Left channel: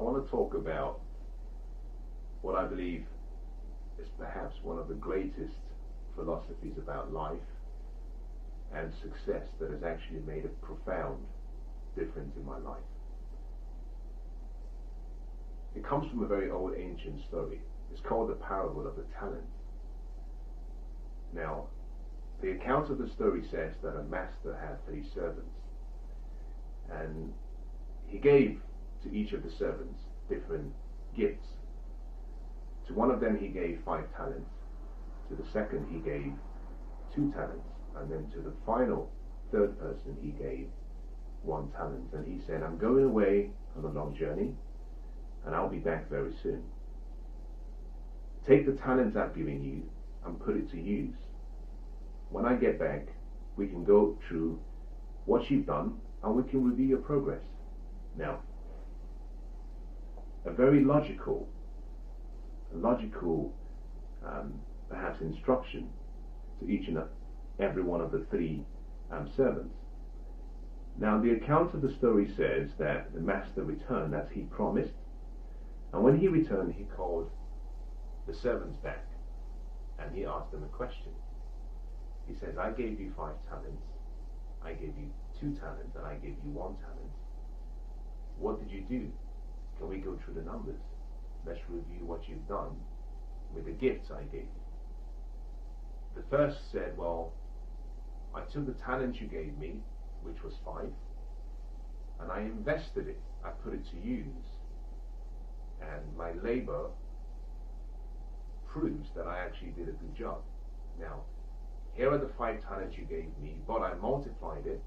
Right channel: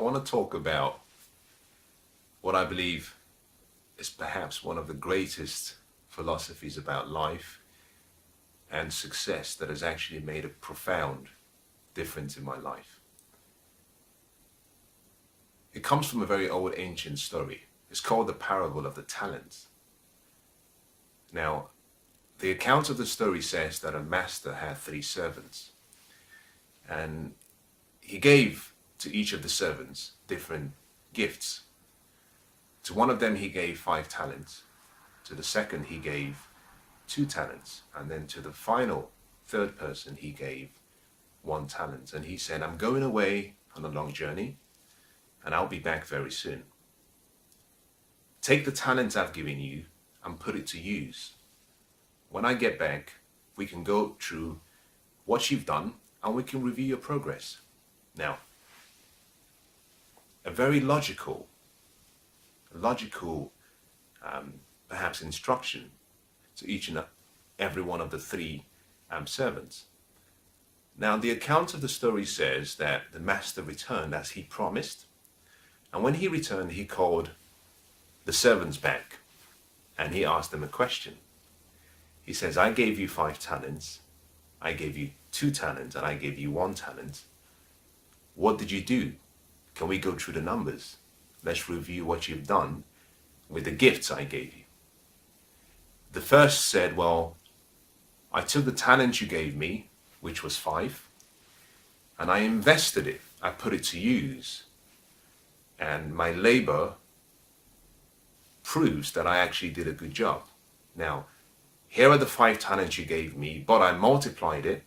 I want to talk about what I believe is perhaps one of the greatest philosophies about life and success that has actually made a profound difference in my life. It comes from a very old ancient story. It's called the parable of the talents. Now, the account of the story says that a master had 3 servants, and he gave to each of the servants different gifts. To one of them he gave 5 talents, to the second he gave 2 talents, and then to the final third person he gave 1 talent. And he said, I'm going away on a long journey and I'll be back very soon. Take the talents I've given you and put it to use. When I get back, we can go through what you've done and we can review your progress. Now, a very logical perhaps instruction to each and every one of the 3 servants. Now, the account of the story says that the master returned as he promised, and when he returned, he called the servants back and he asked them a question. He says, I gave you 5 talents, I gave you 2 talents, and I gave you 1 talent. What did you do? Can we go through the numbers? Let's review what you've done with the gifts I gave you. The first said, well, I took the talent you gave me, which was 5, and I invested it. I put it to use. And my labor proves that I actually did a good job. Now, here are the 5 talents you gave me, but I multiplied it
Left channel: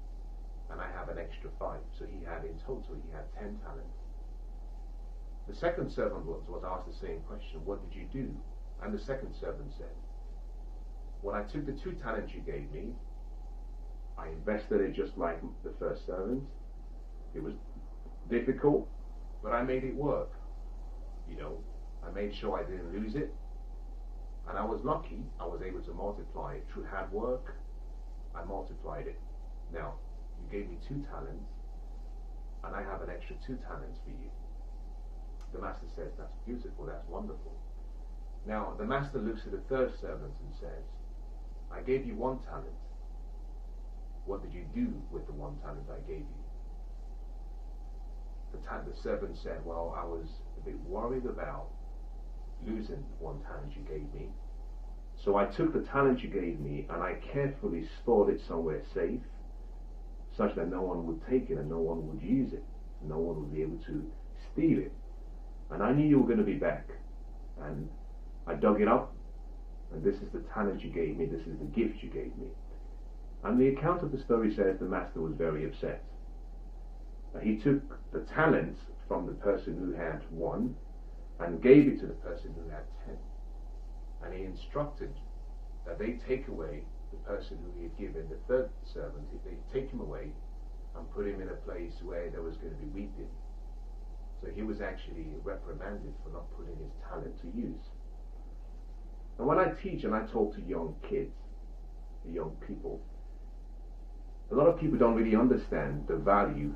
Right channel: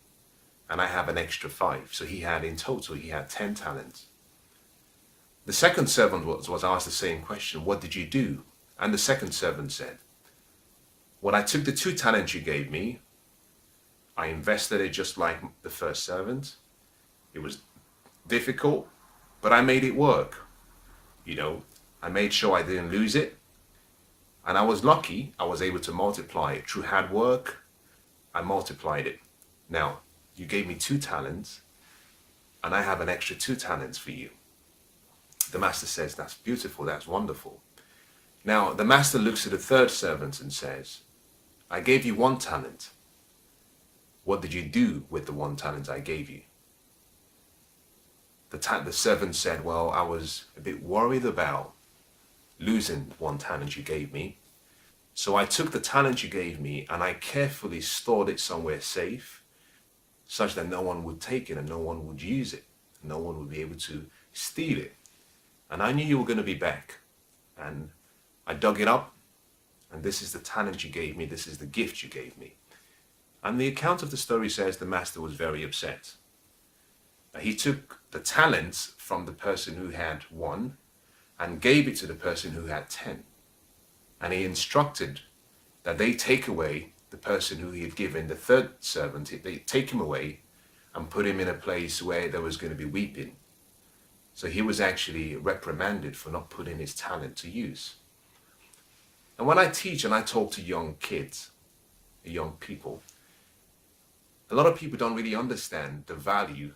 and I have an extra 5. So in total, he had 10 talents. The second servant was asked the same question, what did you do? And the second servant said, when I took the 2 talents you gave me, I invested it just like the first servant. It was difficult, but I made it work. I made sure I didn't lose it. And I was lucky, I was able to multiply it. Through hard work, I multiplied it. Now, you gave me 2 talents, and I have an extra 2 talents for you. The master says, that's beautiful, that's wonderful. Now, the master looks at the third servant and says, I gave you 1 talent. What did you do with the 1 talent I gave you? The servant said, well, I was a bit worried about losing 1 talent you gave me. So I took the talent you gave me and I carefully stored it somewhere safe, such that no one would take it and no one would use it. No one would be able to steal it. And I knew you were going to be back. And I dug it up, and this is the talent you gave me, this is the gift you gave me. And the account of the story says the master was very upset. He took the talents from the person who had 1 and gave it to the person who had 10. And he instructed that they take away the person who he had given the third servant, they take him away and put him in a place where there was going to be weeping. So he was actually reprimanded for not putting his talent to use. And when I teach and I talk to young kids, young people, a lot of people don't really understand the value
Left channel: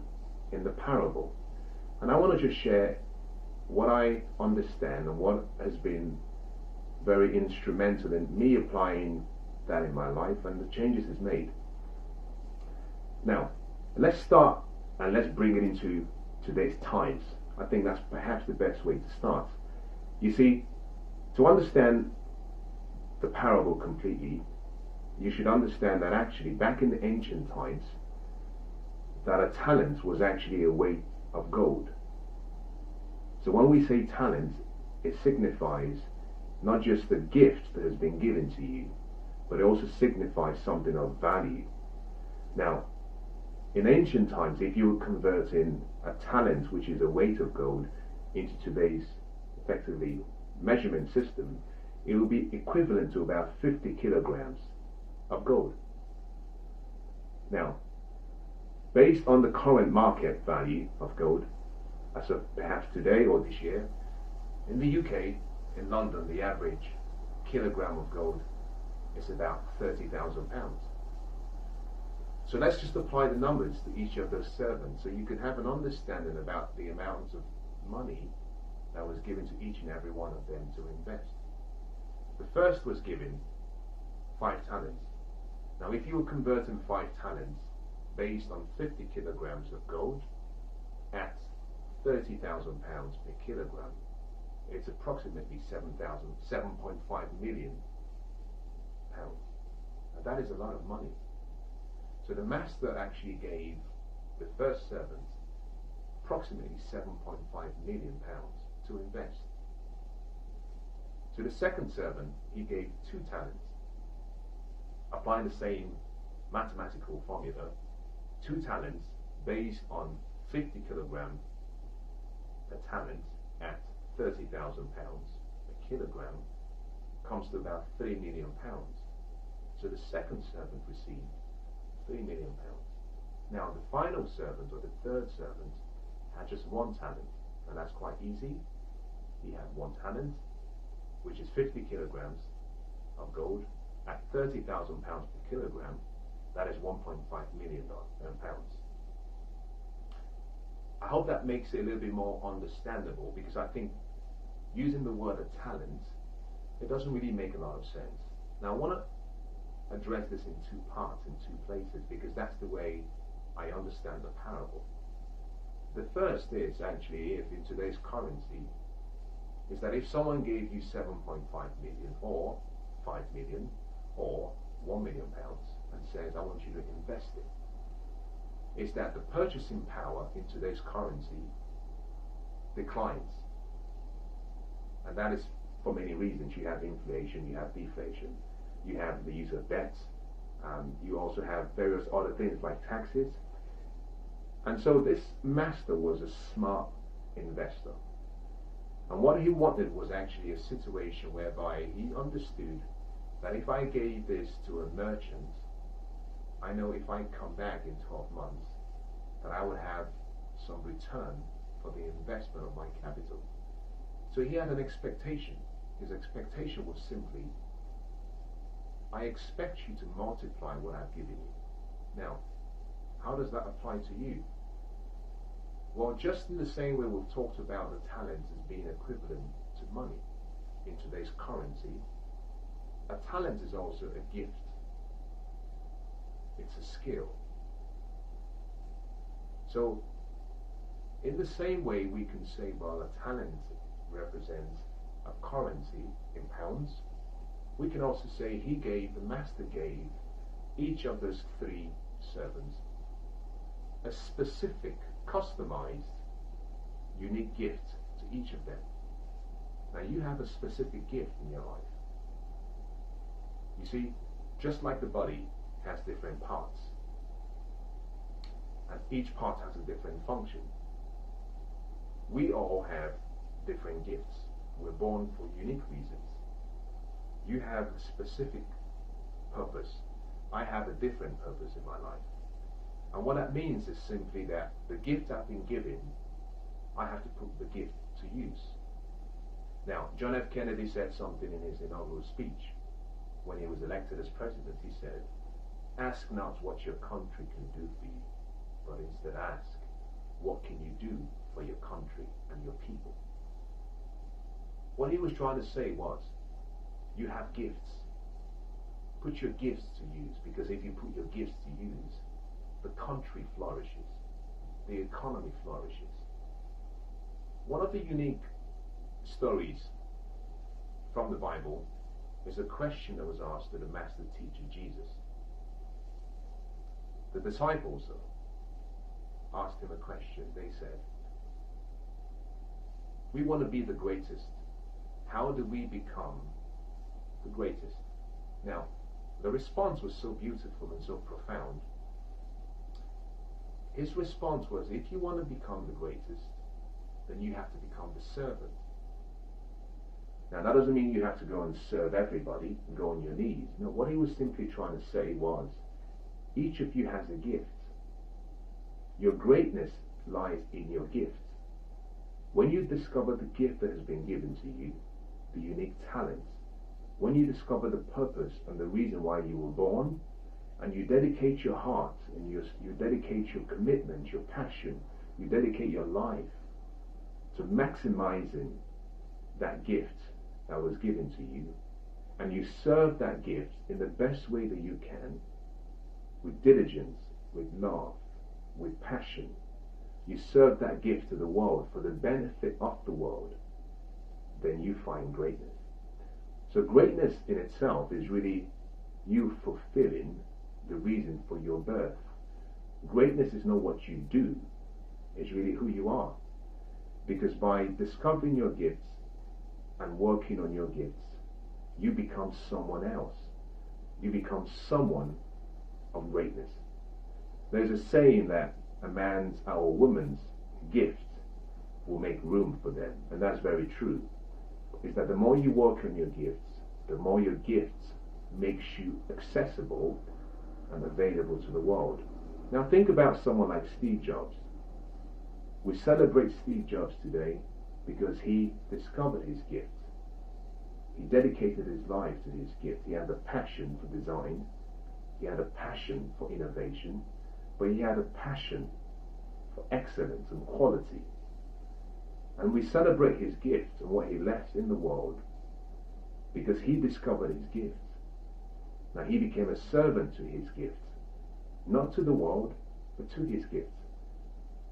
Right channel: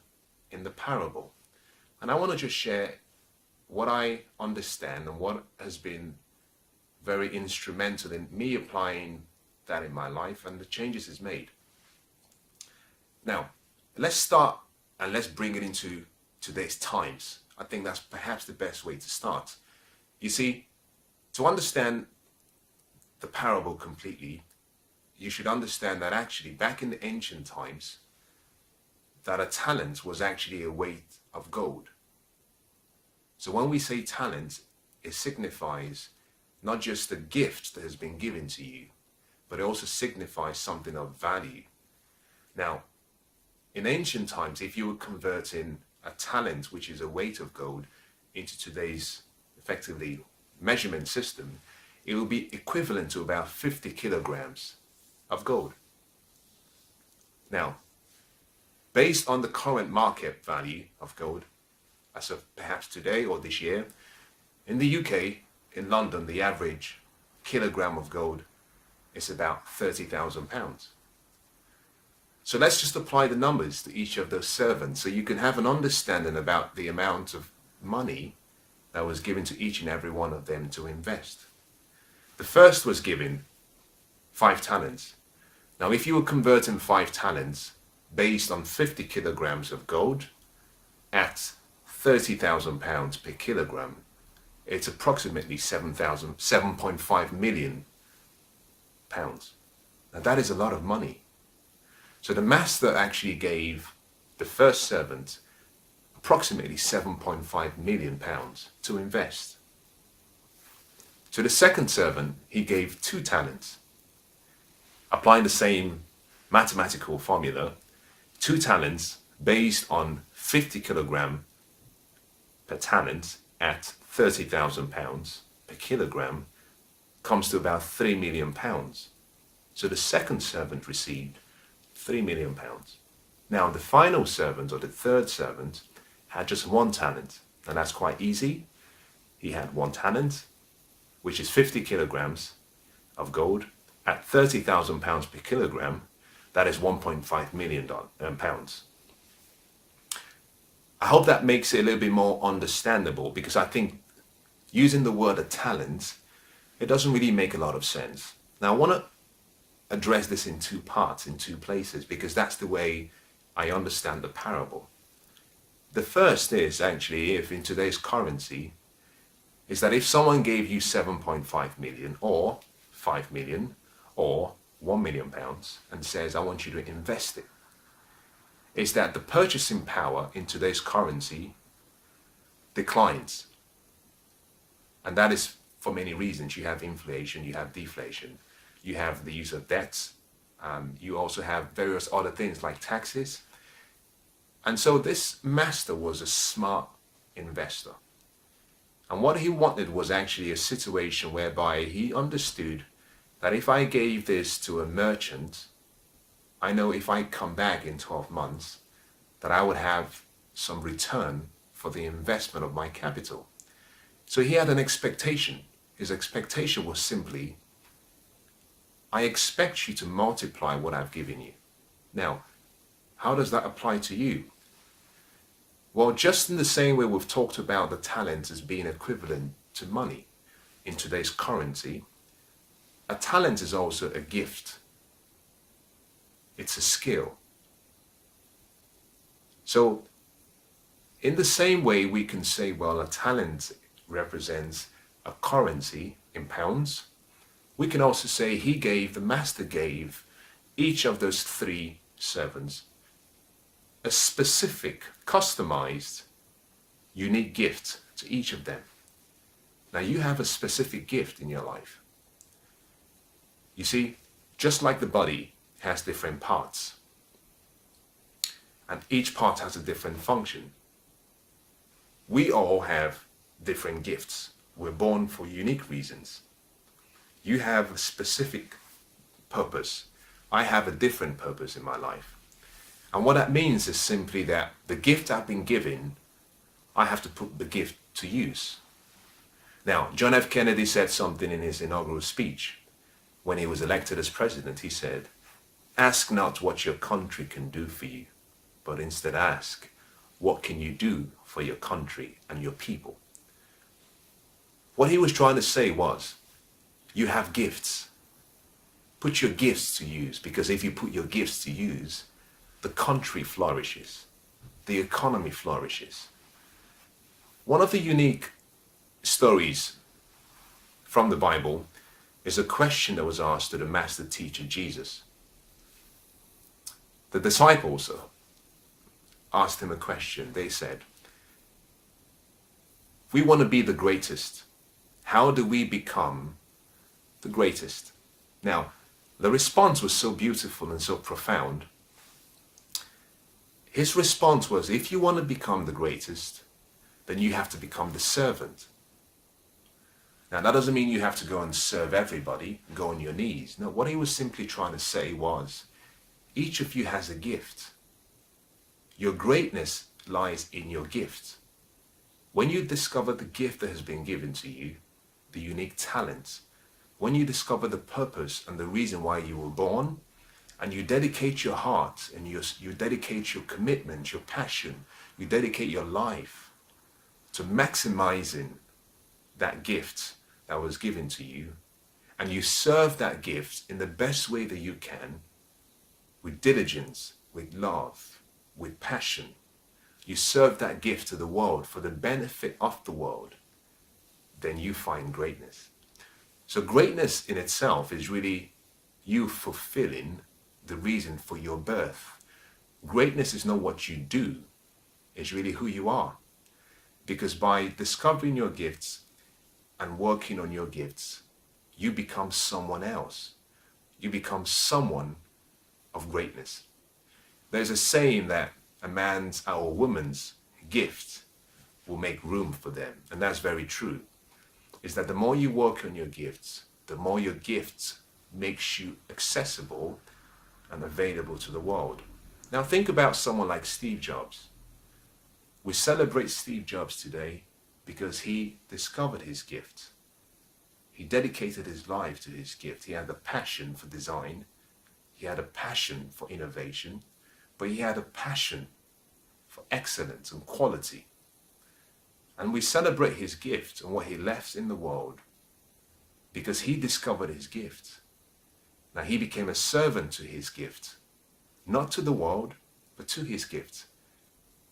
in the parable. And I want to just share what I understand and what has been very instrumental in me applying that in my life and the changes it's made. Now, let's start and let's bring it into today's times. I think that's perhaps the best way to start. You see, to understand the parable completely, you should understand that actually back in the ancient times, that a talent was actually a weight of gold. So when we say talent, it signifies not just the gift that has been given to you, but it also signifies something of value. Now, in ancient times, if you were converting a talent, which is a weight of gold, into today's effectively measurement system, it will be equivalent to about 50 kilograms of gold. Now, based on the current market value of gold, as of perhaps today or this year, in the UK, in London, the average kilogram of gold is about £30,000. So let's just apply the numbers to each of those servants so you can have an understanding about the amount of money that was given to each and every one of them to invest. The first was given 5 talents. Now, if you were converting 5 talents based on 50 kilograms of gold at 30,000 pounds per kilogram, it's approximately 7.5 million pounds. Now, that is a lot of money. So the master actually gave the first servant approximately 7.5 million pounds to invest. To the second servant, he gave 2 talents. Applying the same mathematical formula, 2 talents based on 50 kilogram per talent at 30,000 pounds per kilogram comes to about 3 million pounds. So the second servant received 3 million pounds. Now the final servant, or the third servant, had just 1 talent, and that's quite easy. He had 1 talent, which is 50 kilograms of gold at 30,000 pounds per kilogram. That is 1.5 million pounds. I hope that makes it a little bit more understandable, because I think using the word a talent, it doesn't really make a lot of sense. Now I want to address this in 2 parts, in 2 places, because that's the way I understand the parable. The first is actually, if in today's currency, is that if someone gave you 7.5 million or 5 million or 1 million pounds and says, I want you to invest it, is that the purchasing power in today's currency declines. And that is for many reasons. You have inflation, you have deflation, you have the use of debts, you also have various other things like taxes. And so this master was a smart investor. And what he wanted was actually a situation whereby he understood that if I gave this to a merchant, I know if I come back in 12 months that I would have some return for the investment of my capital. So he had an expectation. His expectation was simply, I expect you to multiply what I've given you. Now, how does that apply to you? Well, just in the same way we've talked about the talent as being equivalent to money in today's currency, a talent is also a gift. It's a skill. So, in the same way we can say, well, a talent represents a currency in pounds, we can also say the master gave each of those 3 servants a specific, customized, unique gift to each of them. Now you have a specific gift in your life. You see, just like the body has different parts, and each part has a different function, we all have different gifts. We're born for unique reasons. You have a specific purpose. I have a different purpose in my life. And what that means is simply that the gift I've been given, I have to put the gift to use. Now, John F. Kennedy said something in his inaugural speech when he was elected as president. He said, "Ask not what your country can do for you, but instead ask, what can you do for your country and your people?" What he was trying to say was, you have gifts. Put your gifts to use, because if you put your gifts to use, the country flourishes, the economy flourishes. One of the unique stories from the Bible is a question that was asked to the master teacher Jesus. The disciples asked him a question. They said, "We want to be the greatest. How do we become the greatest?" Now, the response was so beautiful and so profound. His response was, if you want to become the greatest, then you have to become the servant. Now, that doesn't mean you have to go and serve everybody and go on your knees. No, what he was simply trying to say was, each of you has a gift. Your greatness lies in your gift. When you discover the gift that has been given to you, the unique talent, when you discover the purpose and the reason why you were born, and you dedicate your heart and you dedicate your commitment, your passion, you dedicate your life to maximizing that gift that was given to you, and you serve that gift in the best way that you can, with diligence, with love, with passion. You serve that gift to the world for the benefit of the world, then you find greatness. So greatness in itself is really you fulfilling the reason for your birth. Greatness is not what you do, it's really who you are. Because by discovering your gifts and working on your gifts, you become someone else. You become someone of greatness. There's a saying that a man's or a woman's gift will make room for them, and that's very true. Is that the more you work on your gifts, the more your gifts makes you accessible and available to the world. Now think about someone like Steve Jobs. We celebrate Steve Jobs today because he discovered his gift. He dedicated his life to his gift. He had a passion for design. He had a passion for innovation, but he had a passion for excellence and quality. And we celebrate his gift and what he left in the world because he discovered his gift. Now he became a servant to his gift, not to the world, but to his gift.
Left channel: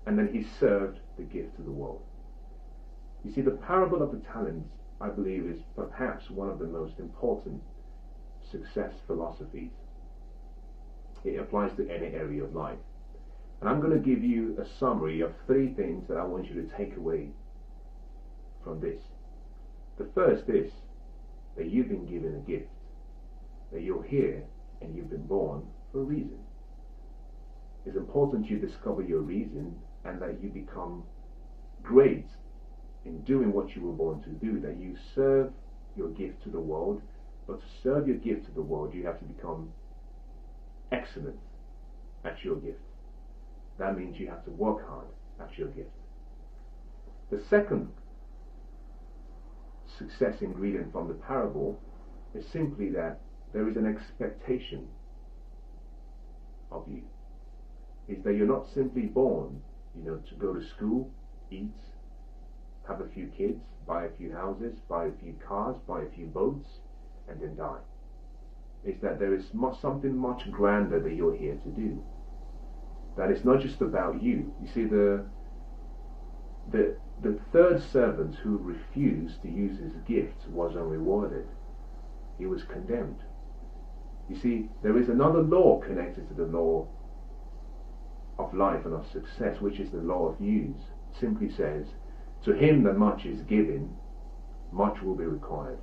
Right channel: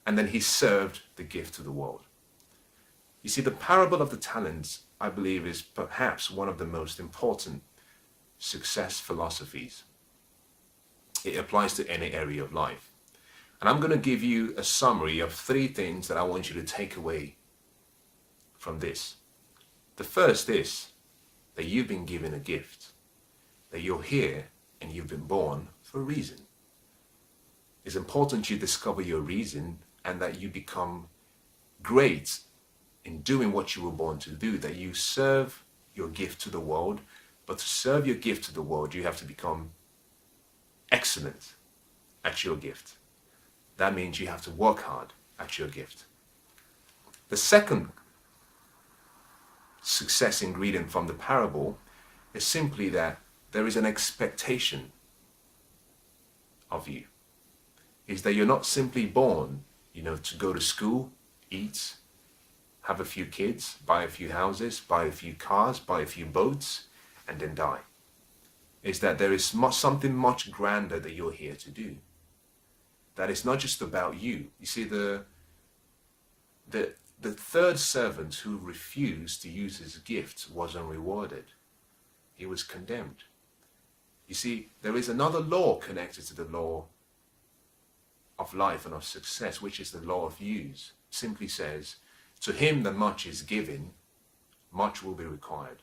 And then he served the gift to the world. You see, the parable of the talents, I believe, is perhaps one of the most important success philosophies. It applies to any area of life. And I'm going to give you a summary of 3 things that I want you to take away from this. The first is that you've been given a gift, that you're here and you've been born for a reason. It's important you discover your reason and that you become great in doing what you were born to do, that you serve your gift to the world. But to serve your gift to the world, you have to become excellent at your gift. That means you have to work hard at your gift. The second success ingredient from the parable is simply that there is an expectation of you. Is that you're not simply born, to go to school, eat, have a few kids, buy a few houses, buy a few cars, buy a few boats, and then die. Is that there is something much grander that you're here to do. That it's not just about you. You see, the third servant who refused to use his gift was unrewarded. He was condemned. You see, there is another law connected to the law of life and of success, which is the law of use. Simply says, to him that much is given, much will be required.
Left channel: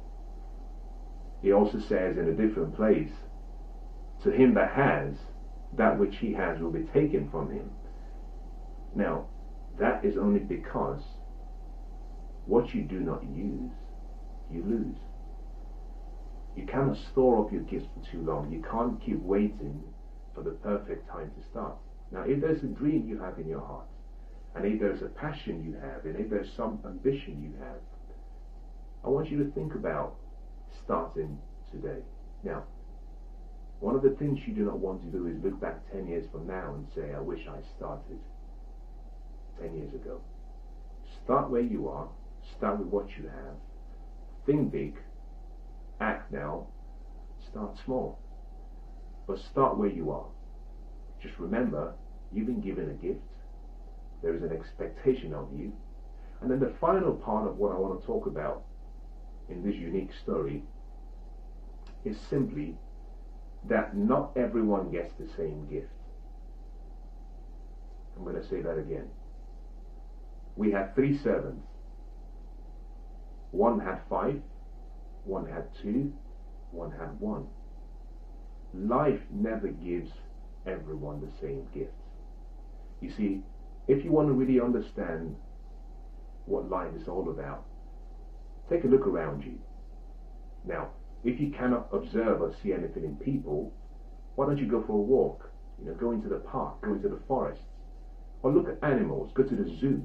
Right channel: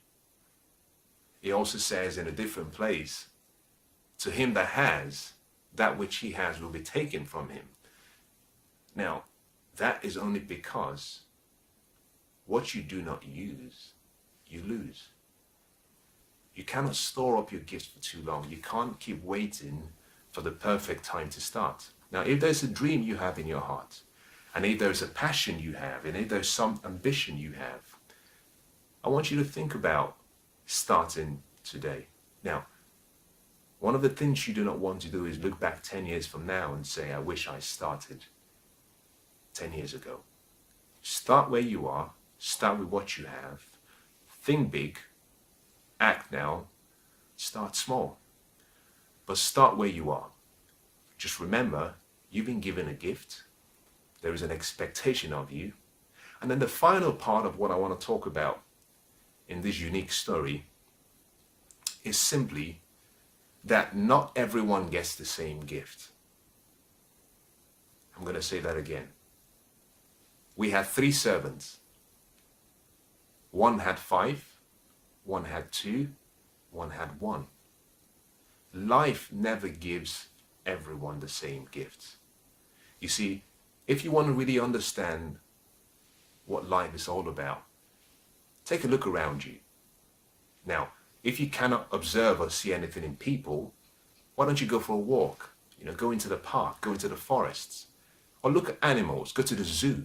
He also says in a different place, to him that has, that which he has will be taken from him. Now, that is only because what you do not use, you lose. You cannot store up your gifts for too long. You can't keep waiting for the perfect time to start. Now, if there's a dream you have in your heart, and if there's a passion you have, and if there's some ambition you have, I want you to think about starting today. Now, one of the things you do not want to do is look back 10 years from now and say, I wish I started 10 years ago. Start where you are, start with what you have, think big, act now, start small. But start where you are. Just remember, you've been given a gift. There is an expectation of you. And then the final part of what I want to talk about in this unique story is simply that not everyone gets the same gift. I'm going to say that again. We had 3 servants. One had 5, one had 2, one had 1. Life never gives everyone the same gifts. You see, if you want to really understand what life is all about, take a look around you. Now, if you cannot observe or see anything in people, why don't you go for a walk? Go into the park, go into the forests, or look at animals, go to the zoo.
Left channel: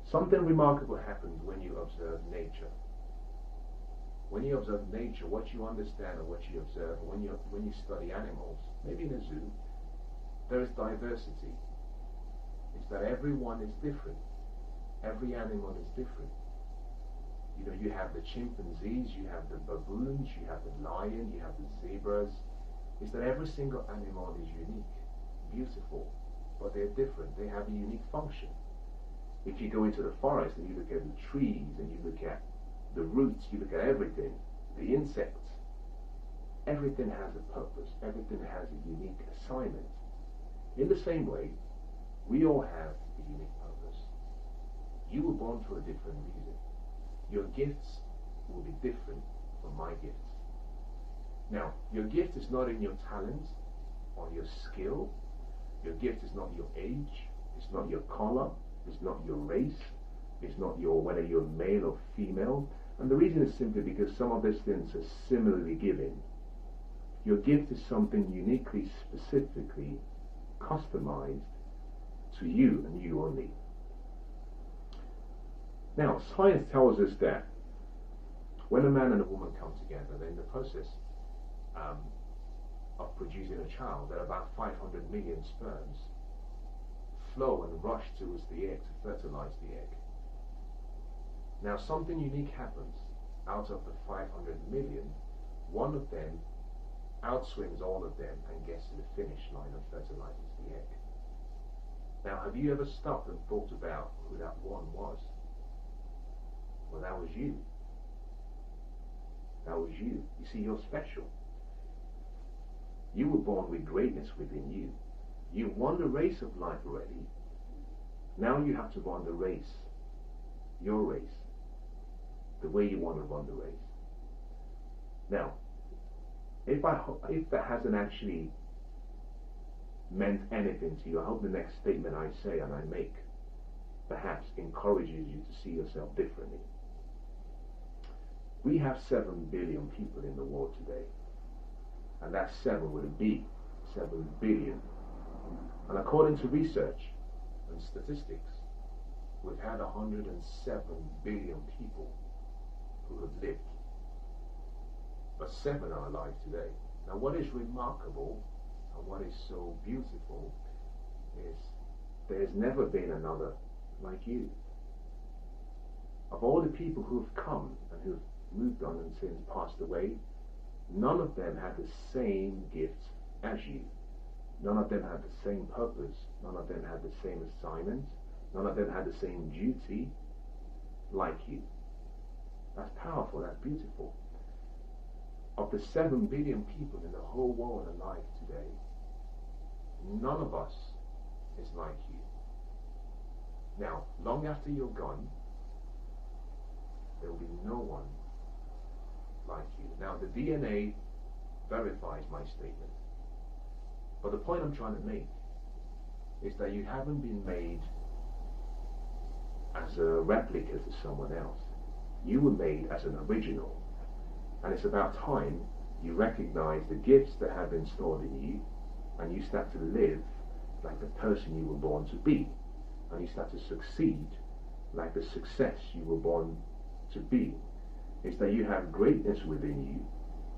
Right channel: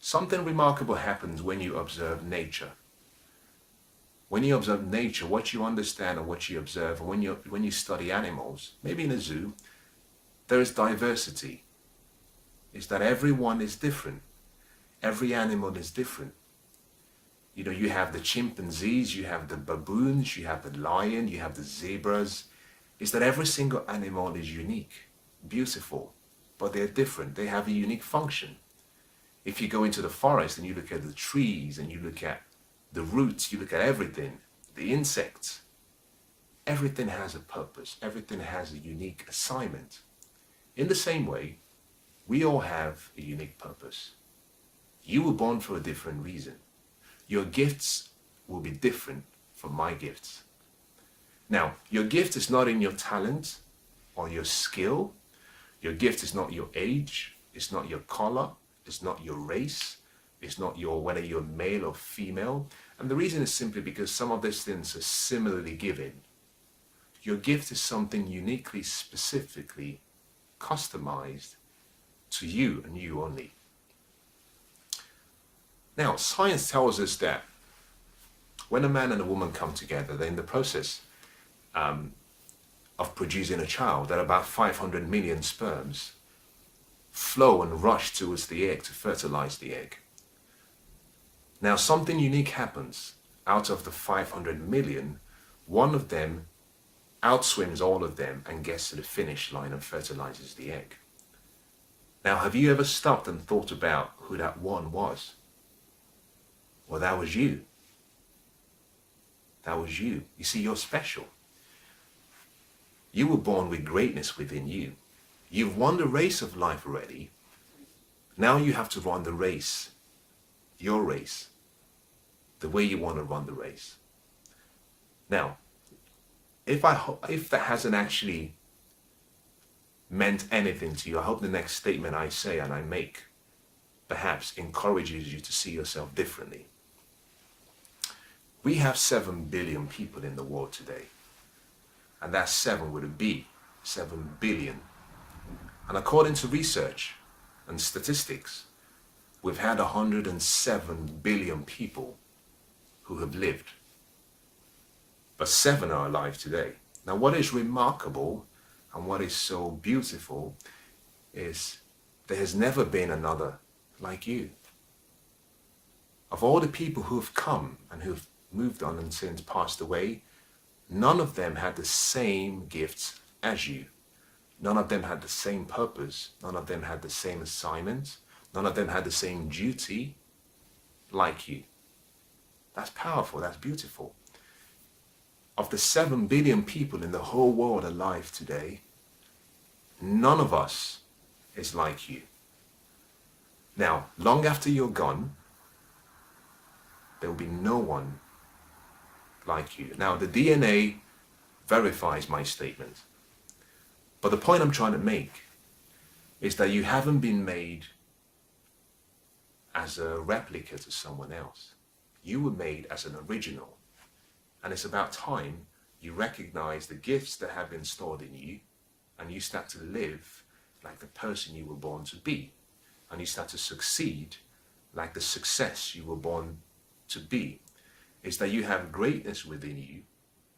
Something remarkable happens when you observe nature. When you observe nature, what you understand and what you observe, when you study animals, maybe in a zoo, there is diversity. It's that everyone is different. Every animal is different. You know, you have the chimpanzees, you have the baboons, you have the lion, you have the zebras. Is that every single animal is unique, beautiful, but they're different. They have a unique function. If you go into the forest and you look at the trees and you look at the roots, you look at everything, the insects, everything has a purpose. Everything has a unique assignment. In the same way, we all have a unique purpose. You were born for a different reason. Your gifts will be different from my gifts. Now, your gift is not in your talent or your skill. Your gift is not your age. It's not your color. It's not your race. It's not your whether you're male or female. And the reason is simply because some of these things are similarly given. Your gift is something uniquely, specifically customized to you and you only. Now, science tells us that when a man and a woman come together, they're in the process of producing a child, that about 500 million sperms flow and rush towards the egg to fertilize the egg. Now, something unique happens. Out of the 500 million, one of them outswims all of them and gets to the finish line and fertilizes the egg. Now, have you ever stopped and thought about who that one was? Well, that was you. That was you. You see, you're special. You were born with greatness within you. You've won the race of life already. Now you have to run the race, your race, the way you want to run the race. Now, if that hasn't actually meant anything to you, I hope the next statement I say and I make perhaps encourages you to see yourself differently. We have 7 billion people in the world today. And that's 7 with a B, 7 billion. And according to research and statistics, we've had 107 billion people who have lived. But 7 are alive today. Now, what is remarkable and what is so beautiful is there has never been another like you. Of all the people who have come and who have moved on and since passed away, none of them had the same gifts as you. None of them had the same purpose. None of them had the same assignment. None of them had the same duty like you. That's powerful. That's beautiful. Of the 7 billion people in the whole world alive today, none of us is like you. Now, long after you're gone, there will be no one like you. Now, the DNA verifies my statement. But the point I'm trying to make is that you haven't been made as a replica to someone else. You were made as an original. And it's about time you recognize the gifts that have been stored in you and you start to live like the person you were born to be. And you start to succeed like the success you were born to be. Is that you have greatness within you,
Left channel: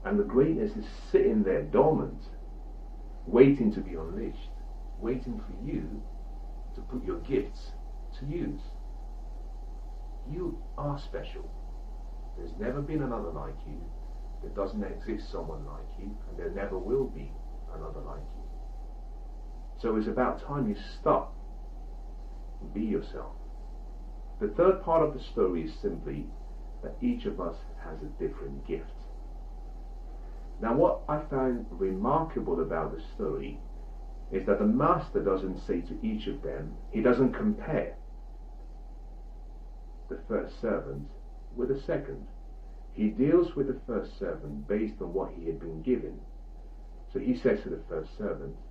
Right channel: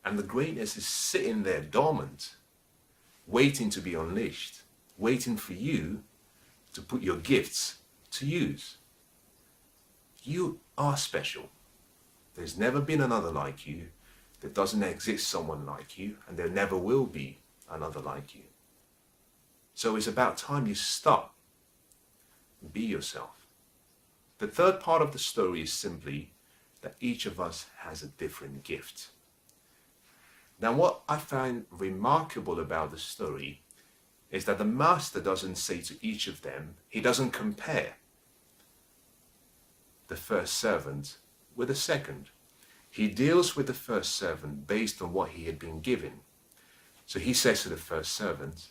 and the greatness is sitting there dormant, waiting to be unleashed, waiting for you to put your gifts to use. You are special. There's never been another like you. There doesn't exist someone like you, and there never will be another like you. So it's about time you stop and be yourself. The third part of the story is simply that each of us has a different gift. Now, what I find remarkable about the story is that the master doesn't say to each of them, he doesn't compare the first servant with the second. He deals with the first servant based on what he had been given. So he says to the first servant,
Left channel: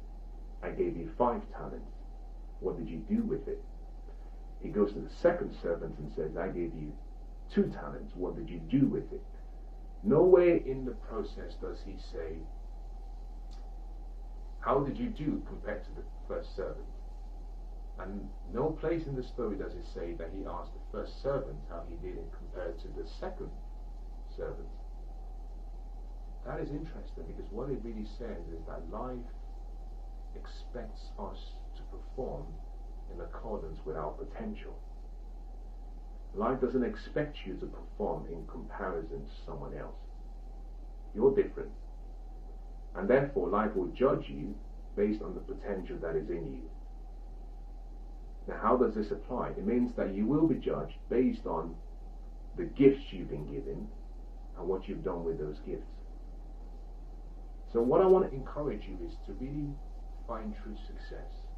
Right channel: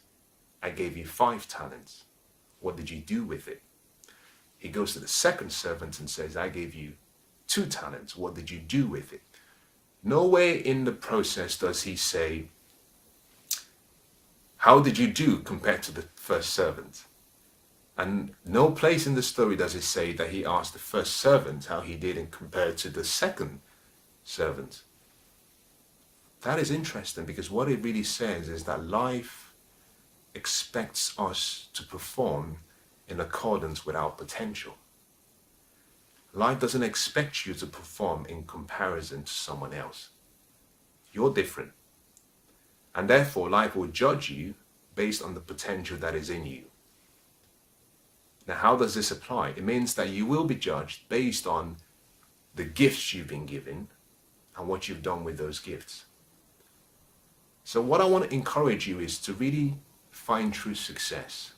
I gave you 5 talents. What did you do with it? He goes to the second servant and says, I gave you 2 talents. What did you do with it? Nowhere in the process does he say, how did you do compared to the first servant? And no place in the story does it say that he asked the first servant how he did in compared to the second servant. That is interesting, because what it really says is that life expects us to perform in accordance with our potential. Life doesn't expect you to perform in comparison to someone else. You're different. And therefore, life will judge you based on the potential that is in you. Now, how does this apply? It means that you will be judged based on the gifts you've been given and what you've done with those gifts. So what I want to encourage you is to really find true success.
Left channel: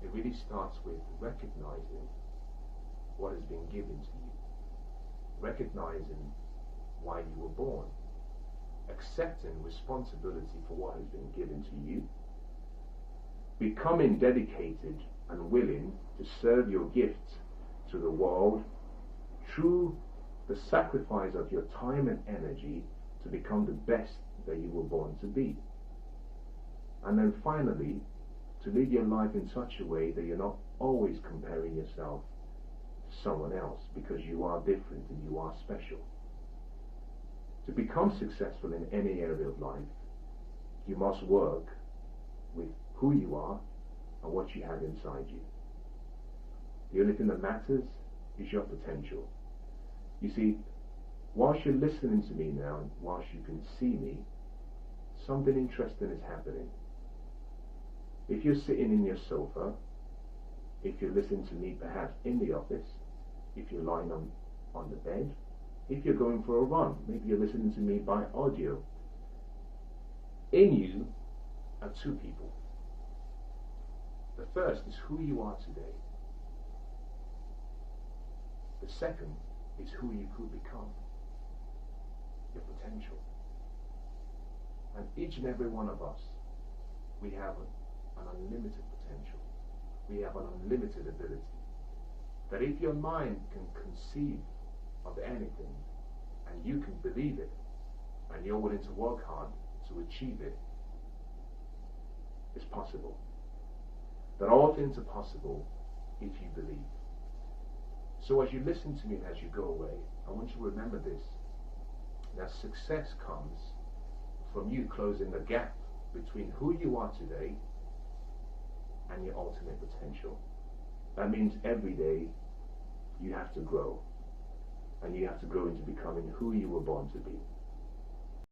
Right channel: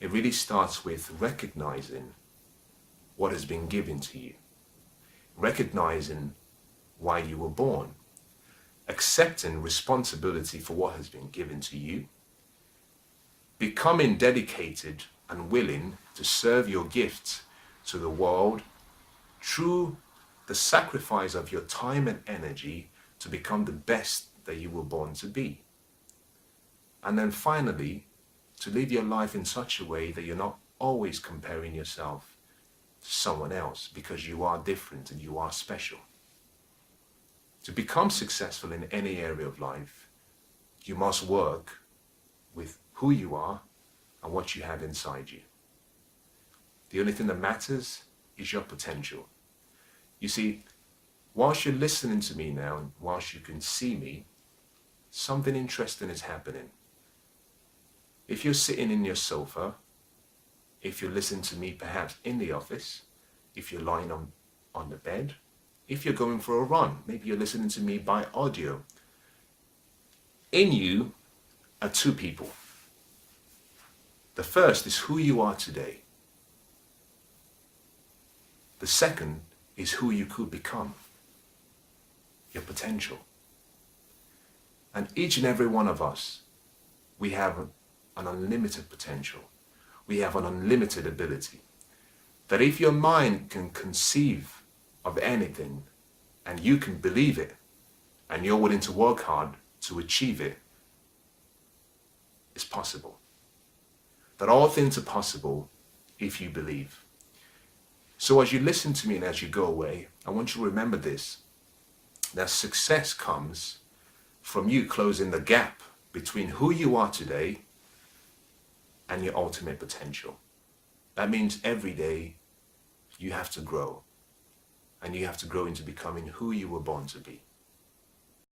It really starts with recognizing what has been given to you, recognizing why you were born, accepting responsibility for what has been given to you, becoming dedicated and willing to serve your gifts to the world through the sacrifice of your time and energy to become the best that you were born to be. And then finally, to live your life in such a way that you're not always comparing yourself to someone else, because you are different and you are special. To become successful in any area of life, you must work with who you are and what you have inside you. The only thing that matters is your potential. You see, whilst you're listening to me now, and whilst you can see me, something interesting is happening. If you're sitting in your sofa, if you're listening to me perhaps in the office, if you're lying on the bed, if you're going for a run, maybe you're listening to me by audio, in you are two people. The first is who you are today. The second is who you could become, your potential. And each and every one of us, we have an unlimited potential. We have an unlimited ability. That if your mind can conceive of anything and you can believe it and you're willing to work hard to achieve it, it's possible. That all things are possible if you believe. So as you listen to me and as you go away, I want you to remember this, that success comes from you closing the gap between who you are today and your ultimate potential. That means every day you have to grow, and you have to grow into becoming who you were born to be.